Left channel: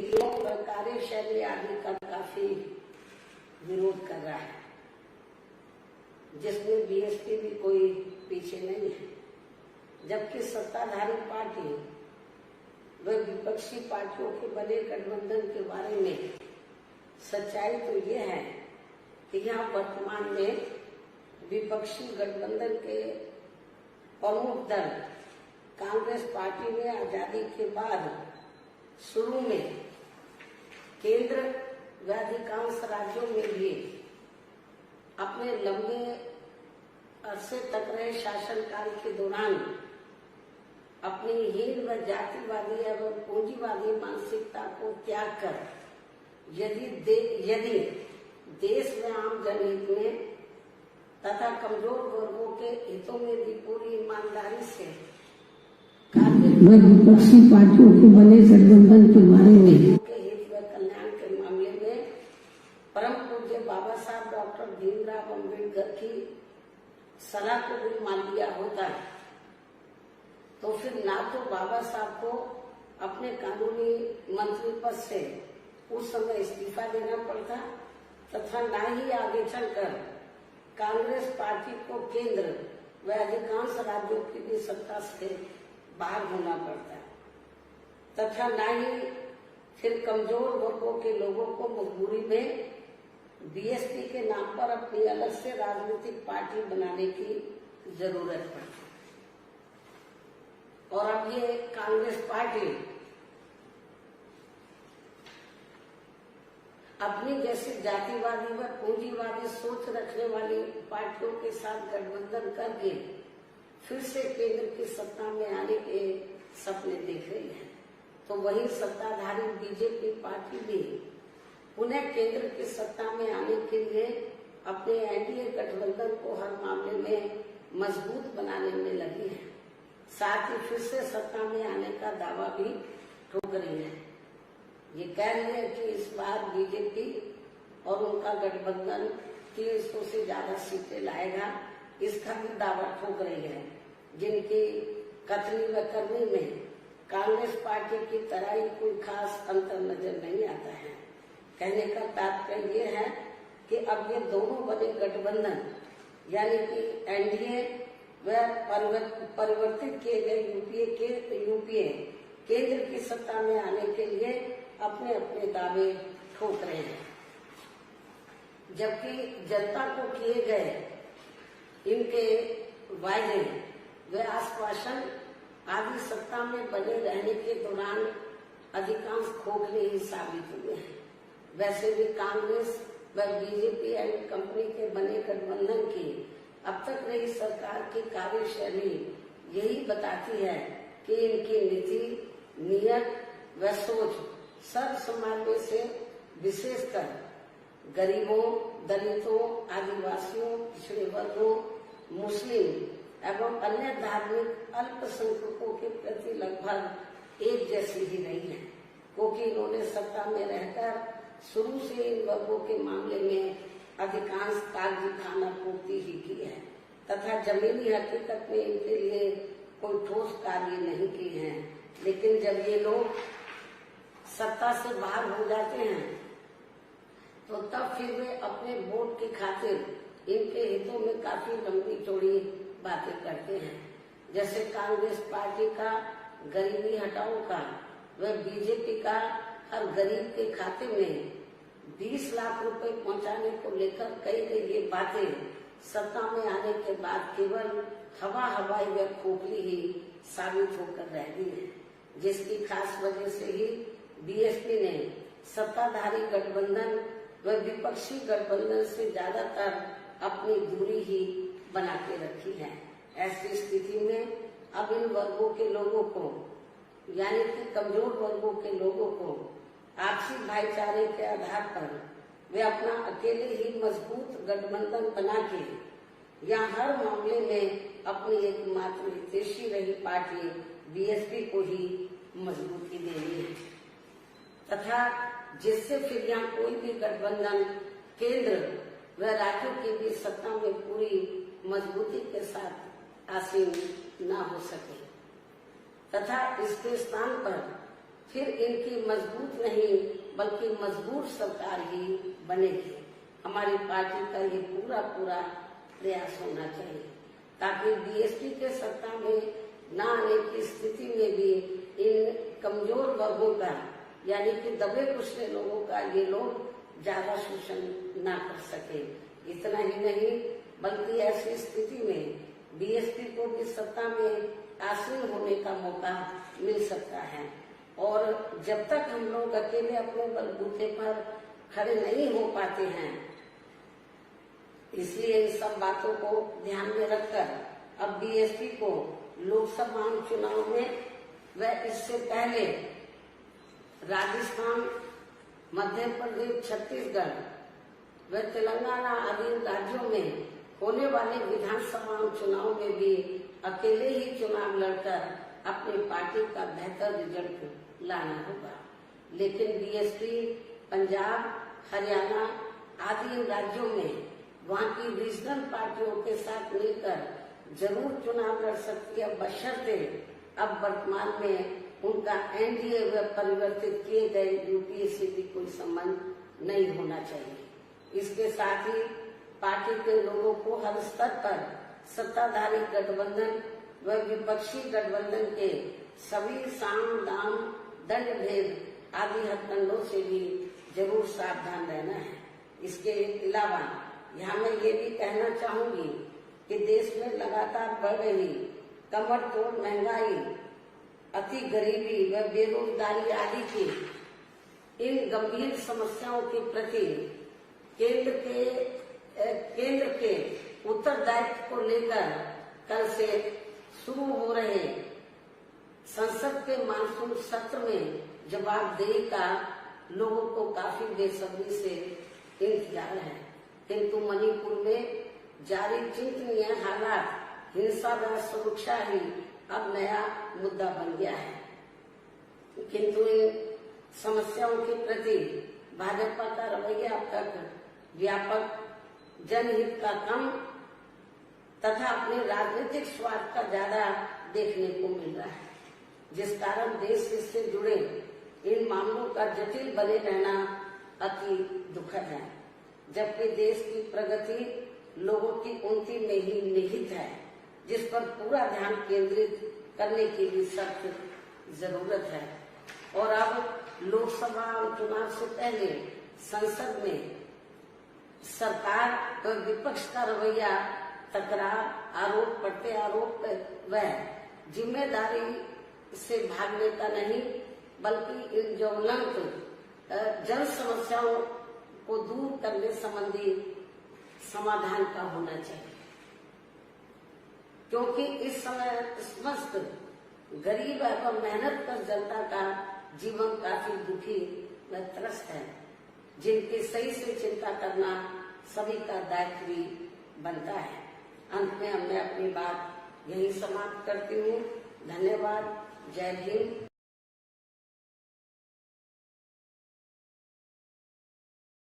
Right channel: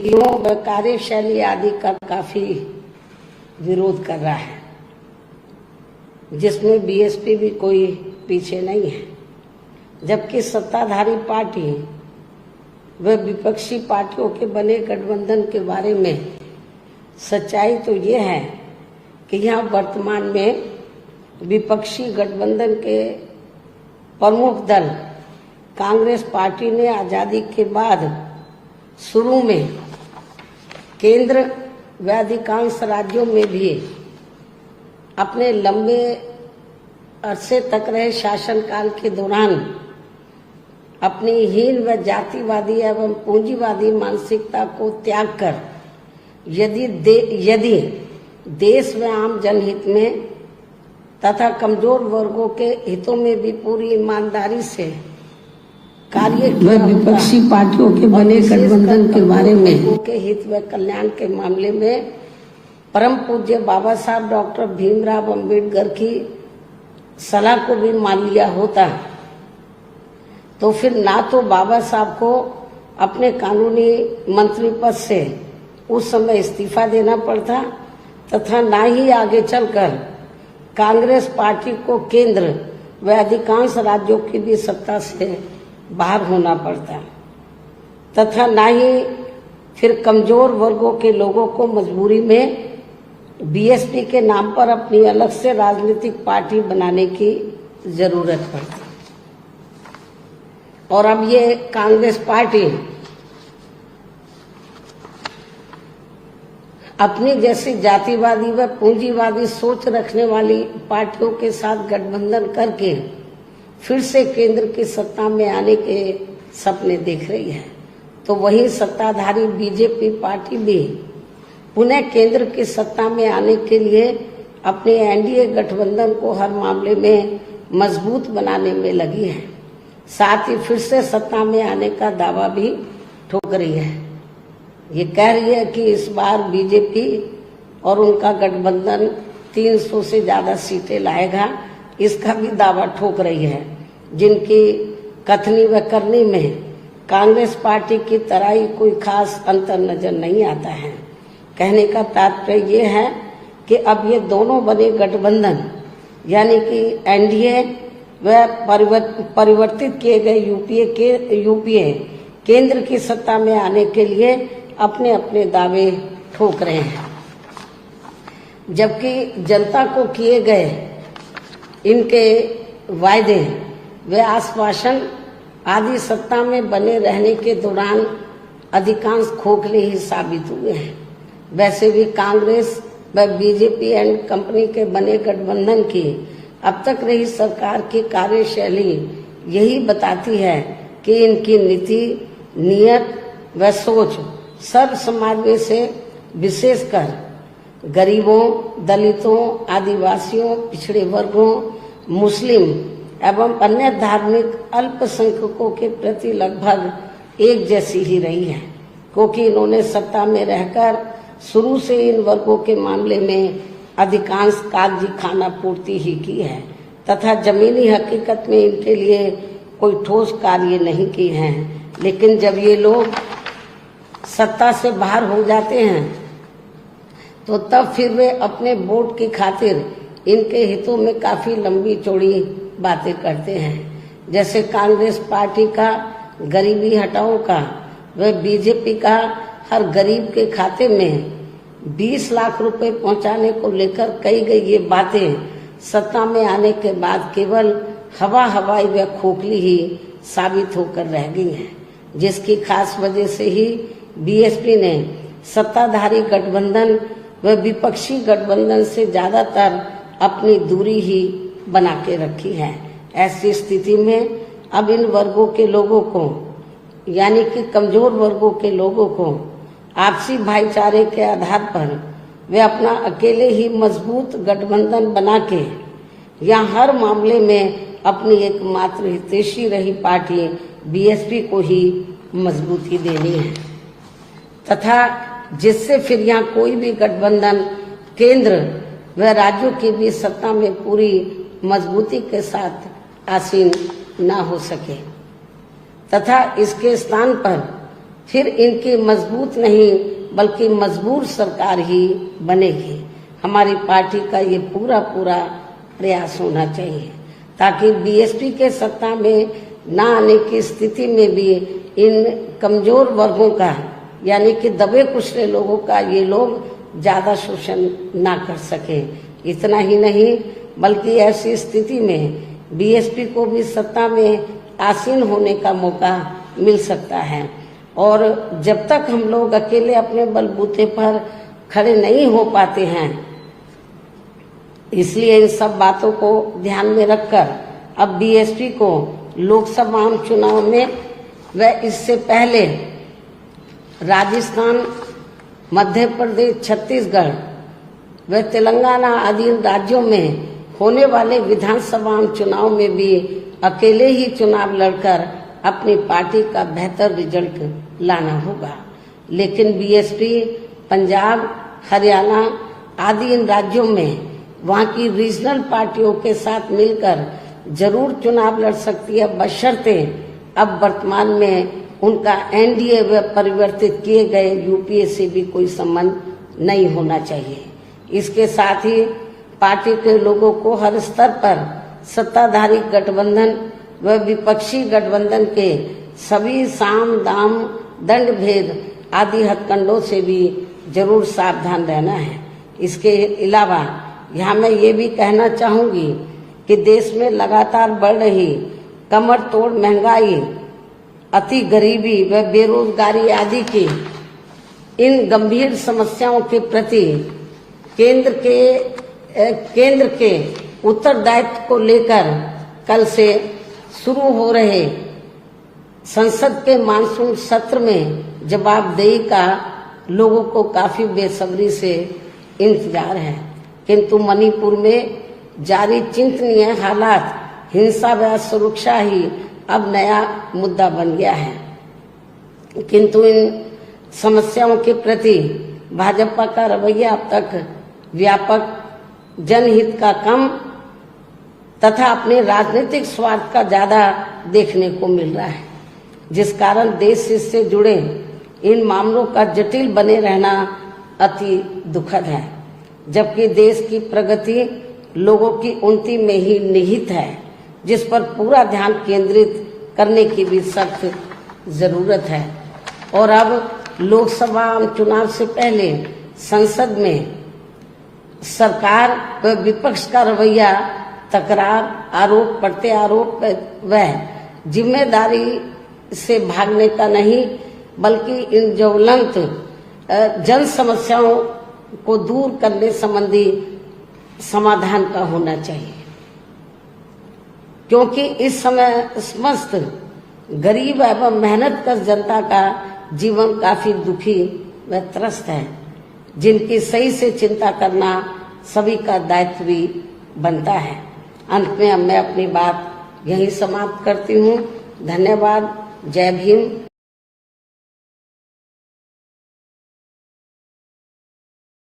नीतियों व कार्यशैली आदि का काफी विरोध कर रहा है, जिसमें बीएसपी भी कोई पीछे नहीं है। जबकि सत्ताधारी पार्टी व विपक्षी पार्टियों के बने गठबंधन के बारे में सच्चाई तो ये है कि यहाँ वर्तमान में विपक्षी गठबंधन के प्रमुख दल कांग्रेस पार्टी ने आज़ादी के बाद शुरू में केंद्र व अधिकांश राज्यों में भी अपने लंबे अरसे तक रहे शासनकाल के दौरान अपनी हीन व जातिवादी एवं पूंजीवादी मानसिकता को त्याग कर यदि देश व आम जनहित में तथा कमजोर वर्गों के हितों में भी पूरी ईमानदारी से कार्य विपक्षी पार्टियों के बने गठबंधन के बारे में के हित व कल्याण के मामले में परम पूज्य बाबा साहब डॉक्टर भीमराव अंबेडकर की सलाह को भी मान लिया होता तो फिर ना तो बाबा साहब को अपने कानूनी मंत्री पद से उस समय इस्तीफा देना पड़ता तथा ना ही आगे चलकर कांग्रेस पार्टी को केंद्र व अधिकांश राज्यों की भी सत्ता से बाहर होना पड़ता तथा ना ही फिर कमजोर वर्गों के लोगों को मजबूरी में बीएसपी के नाम पर अपनी अलग से राजनीतिक पार्टी बनाने की जरूरत पड़ती। और अब ये कांग्रेस पार्टी अपनी जैसी जातिवादी व पूंजीवादी सोच रखने वाली पार्टियों के साथ गठबंधन करके फिर से केंद्र की सत्ता में आने के सपने देख रही है, तो वही सत्ताधारी बीजेपी पार्टी भी पुनः केंद्र की सत्ता में आने के लिए अपने एनडीए गठबंधन को हर मामले में मजबूत बनाने में लगी है। साथ ही फिर से सत्ता में आने का दावा भी ठोक रही है। ये कह रही है कि इस बार बीजेपी और उनका गठबंधन 300 से ज्यादा सीटें लाएगा, इसका भी दावा ठोक रही है, जिनकी कथनी व करनी में कांग्रेस पार्टी की तरह ही कोई खास अंतर नजर नहीं आता है। कहने का तात्पर्य ये है कि अब ये दोनों बने गठबंधन यानी कि एनडीए व परिवर्तित किए गए यूपीए केंद्र की सत्ता में आने के लिए अपने अपने दावे ठोक रहे हैं, जबकि जनता को किए गए इनके वायदे व आश्वासन आदि सत्ता में बने रहने के दौरान अधिकांश खोखले ही साबित हुए हैं। वैसे भी कांग्रेस व बीजेपी एंड कंपनी के बने गठबंधन की अब तक रही सरकार की कार्यशैली यही बताती है कि इनकी नीति, नियत व सोच सर्व समाज में से विशेषकर गरीबों, दलितों, आदिवासियों, पिछड़े वर्गों, मुस्लिम एवं अन्य धार्मिक अल्पसंख्यकों के प्रति लगभग एक जैसी ही रही है, क्योंकि इन्होंने सत्ता में रहकर शुरू से इन वर्गों के मामले में अधिकांश कागजी खाना पूर्ति ही की है तथा जमीनी हकीकत में इनके लिए कोई ठोस कार्य नहीं किए हैं। लेकिन जब ये लोग सत्ता से बाहर हो जाते हैं तो तब फिर वे अपने वोट की खातिर इनके हितों में काफी लंबी चौड़ी बातें करते हैं। जैसे कांग्रेस पार्टी का गरीबी हटाओ का व बीजेपी का हर गरीब के खाते में 20 लाख रुपए पहुंचाने को लेकर कही गई ये बातें सत्ता में आने के बाद केवल हवाई व खोखली ही साबित होकर रह गई हैं, जिसकी खास वजह से ही बीएसपी ने सत्ताधारी गठबंधन व विपक्षी गठबंधन से ज्यादातर अपनी दूरी ही बना के रखी है। ऐसी स्थिति में अब इन वर्गों के लोगों को यानी कि कमजोर वर्गों के लोगों को आपसी भाईचारे के आधार पर वे अपना अकेले ही मजबूत गठबंधन बना के या हर मामले में अपनी एकमात्र हितैषी रही पार्टी बीएसपी को ही मजबूती देनी है तथा जिससे फिर यहाँ कोई भी गठबंधन केंद्र व राज्यों की भी सत्ता में पूरी मजबूती के साथ आसीन न हो सके तथा इसके स्थान पर फिर इनकी मजबूत नहीं बल्कि मजबूर सरकार ही बनेगी। हमारी पार्टी का ये पूरा प्रयास होना चाहिए ताकि बीएसपी के सत्ता में ना आने की स्थिति में भी इन कमजोर वर्गों का यानी कि दबे कुचले लोगों का ये लोग ज्यादा शोषण ना कर सके। इतना ही नहीं बल्कि ऐसी स्थिति में बीएसपी को भी सत्ता में आसीन होने का मौका मिल सकता है। और जब तक हम लोग अकेले अपने बलबूते पर खड़े नहीं हो पाते हैं, इसलिए इन सब बातों को ध्यान में रखकर अब बीएसपी को लोकसभा चुनाव में व इससे पहले राजस्थान, मध्य प्रदेश, छत्तीसगढ़ व तेलंगाना आदि राज्यों में होने वाले विधानसभा चुनाव में भी अकेले ही चुनाव लड़कर अपनी पार्टी का बेहतर रिजल्ट लाना होगा। लेकिन बीएसपी पंजाब, हरियाणा आदि इन राज्यों में वहाँ की रीजनल पार्टियों के साथ मिलकर जरूर चुनाव लड़ सकती है, बशर्ते अब वर्तमान में उनका एनडीए व परिवर्तित किए गए यूपीए से भी कोई संबंध नहीं होना चाहिए। इसके साथ ही पार्टी के लोगों को हर स्तर पर सत्ताधारी गठबंधन व विपक्षी गठबंधन के सभी साम दाम दंड भेद आदि हथकंडों से भी जरूर सावधान रहना है। इसके अलावा यहाँ मैं ये भी कहना चाहूंगी कि देश में लगातार बढ़ रही कमर तोड़ महंगाई, अति गरीबी व बेरोजगारी आदि की इन गंभीर समस्याओं के प्रति केंद्र के उत्तरदायित्व को लेकर कल से शुरू हो रहे संसद के मानसून सत्र में जवाबदेही का लोगों को काफी बेसब्री से इंतजार है। किंतु मणिपुर में जारी चिंतनीय हालात, हिंसा व सुरक्षा ही अब नया मुद्दा बन गया है। किंतु इन समस्याओं के प्रति भाजपा का रवैया अब तक व्यापक जनहित का कम तथा अपने राजनीतिक स्वार्थ का ज्यादा देखने को मिल रहा है, जिस कारण देश से जुड़े इन मामलों का जटिल बने रहना अति दुखद है। जबकि देश की प्रगति लोगों की उन्नति में ही निहित है, जिस पर पूरा ध्यान केंद्रित करने की भी सख्त जरूरत है। और अब लोकसभा चुनाव से पहले संसद में सरकार व विपक्ष का रवैया तकरार, आरोप प्रत्यारोप व जिम्मेदारी से भागने का नहीं बल्कि इन ज्वलंत जन समस्याओं को दूर करने संबंधी समाधान का होना चाहिए, क्योंकि इस समय समस्त गरीब एवं मेहनतकश जनता का जीवन काफी दुखी व त्रस्त है, जिनकी सही से चिंता करना सभी का दायित्व भी बनता है। अंत में अब मैं अपनी बात यहीं समाप्त करती हूँ। धन्यवाद। जय भीम।